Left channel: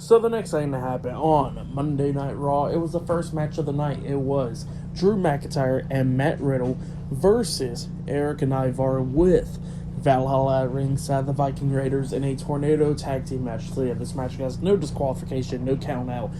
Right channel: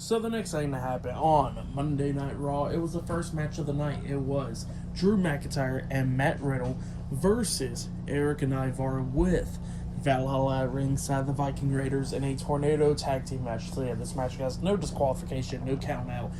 So the next thing that happened on Monday Night Raw, it was the first match of the night. It was Drew McIntyre and Matt Riddle versus Erik and Ivar with Valhalla at ringside, the Viking Raiders in a tornado tag team match. So yeah, this match has no disqualification, no count out.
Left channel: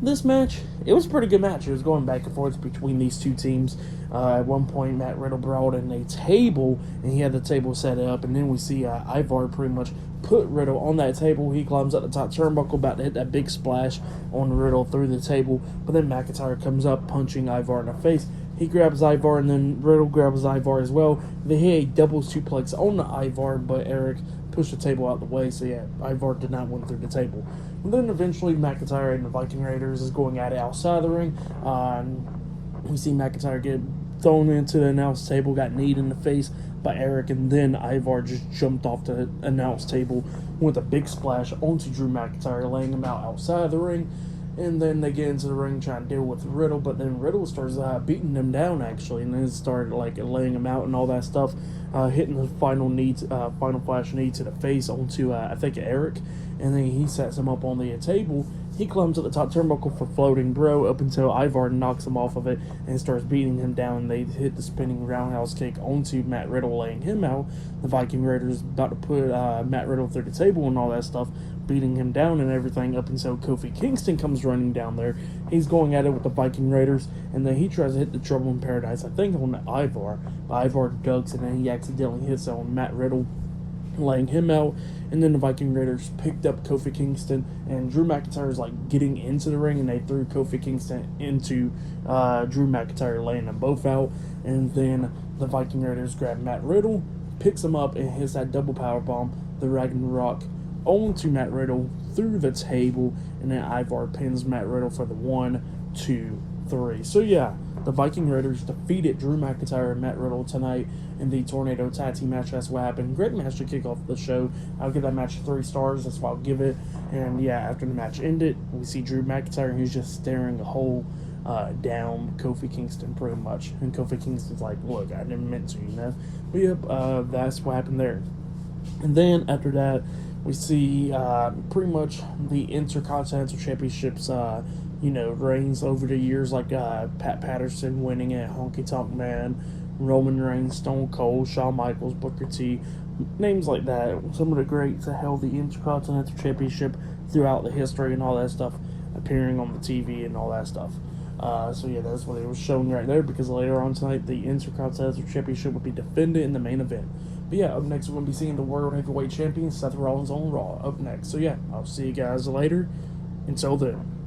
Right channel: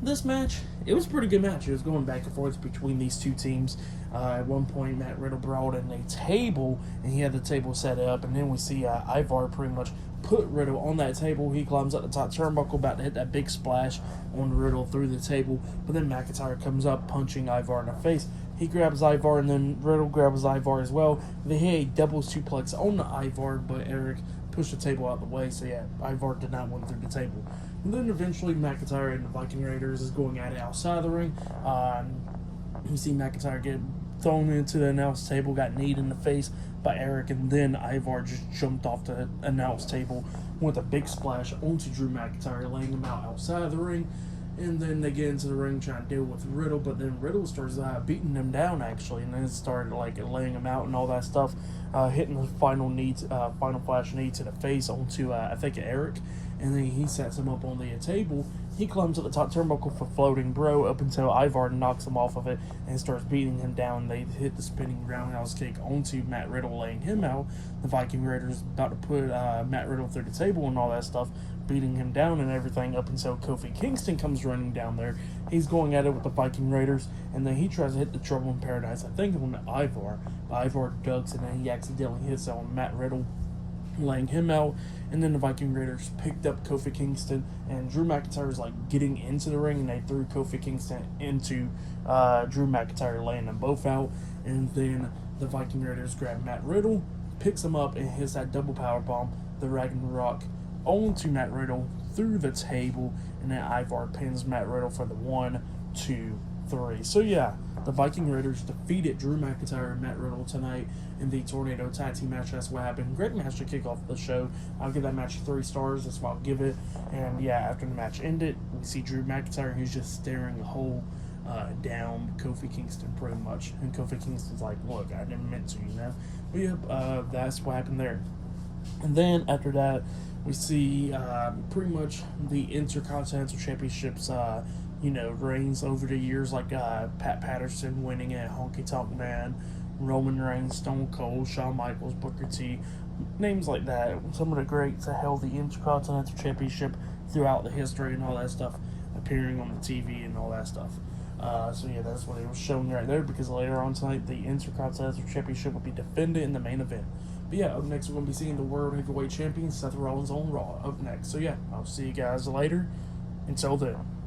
This match, it was a pretty good match. It was going back and forth between these two teams. At one point, Matt Riddle brought in a table, and he had the table set up, and then we see Ivar pretty much put Riddle on that table. He climbs up the top turnbuckle, about to hit that big splash on Riddle through the table, but then McIntyre comes up, punching Ivar in the face. He grabs Ivar, and then Riddle grabs Ivar as well. They hit a double suplex on the Ivar, but Erik pushed the table out the way, so yeah, Ivar did not win through the table. And then eventually McIntyre and the Viking Raiders is going at it outside the ring. We see McIntyre get thrown into the announce table, got kneed in the face by Erik, and then Ivar just jumped off the announce table with a big splash onto Drew McIntyre, laying him out outside the ring. And then they get into the ring trying to deal with Riddle, but then Riddle starts beating them down actually, and then started laying him out and all that stuff, hitting the final flash knee to the face onto I think Erik, and then he sets him up on the table. He climbs to the top turnbuckle for floating bro up until Ivar knocks him off of it and starts beating him down. They hit the spinning roundhouse kick onto Matt Riddle, laying him out. The Viking Raiders about to put Matt Riddle through the table and all that stuff, beating him down and everything up until Kofi Kingston comes running down there. He's going at it with the Viking Raiders, and then he tries to hit the Trouble in Paradise, I think on Ivar, but Ivar ducks, and then he accidentally hits on Matt Riddle, laying him out. And then the Viking Raiders picked up Kofi Kingston, and Drew McIntyre is getting into the ring, and they threw Kofi Kingston into Drew McIntyre, laying them both out. And then the Viking Raiders grab Matt Riddle, picks him up, and hits that double power bomb, the Ragnarok, onto Matt Riddle through the table, and then Ivar pins Matt Riddle for the 1, 2, 3. So yeah, the Viking Raiders defeated Drew McIntyre and Matt Riddle tonight in the Tornado Tag Team match. That's what happened. Great match to kick off the show. I'll give that match 3 stars. That's what I'll give it. And yeah, after the match ended, we see Drew McIntyre. He's just staring a hole down Kofi Kingston pretty much. And Kofi Kingston's like, look, I never meant to, you know? But yep, that's what happened there. And then after that, we see pretty much the Intercontinental Championships, reigns over the years, like Pat Patterson winning it, Honky Tonk Man, Roman Reigns, Stone Cold, Shawn Michaels, Booker T, names like that. Some of the greats that held the Intercontinental Championship throughout the history and all that stuff, appearing on the TV and all that stuff. So yeah, that's what it was showing right there, because later on tonight, the Intercontinental Championship will be defended in the main event. But yeah, up next we're going to be seeing the World Heavyweight Champion, Seth Rollins, on Raw up next. So yeah, I'll see you guys later. Until then.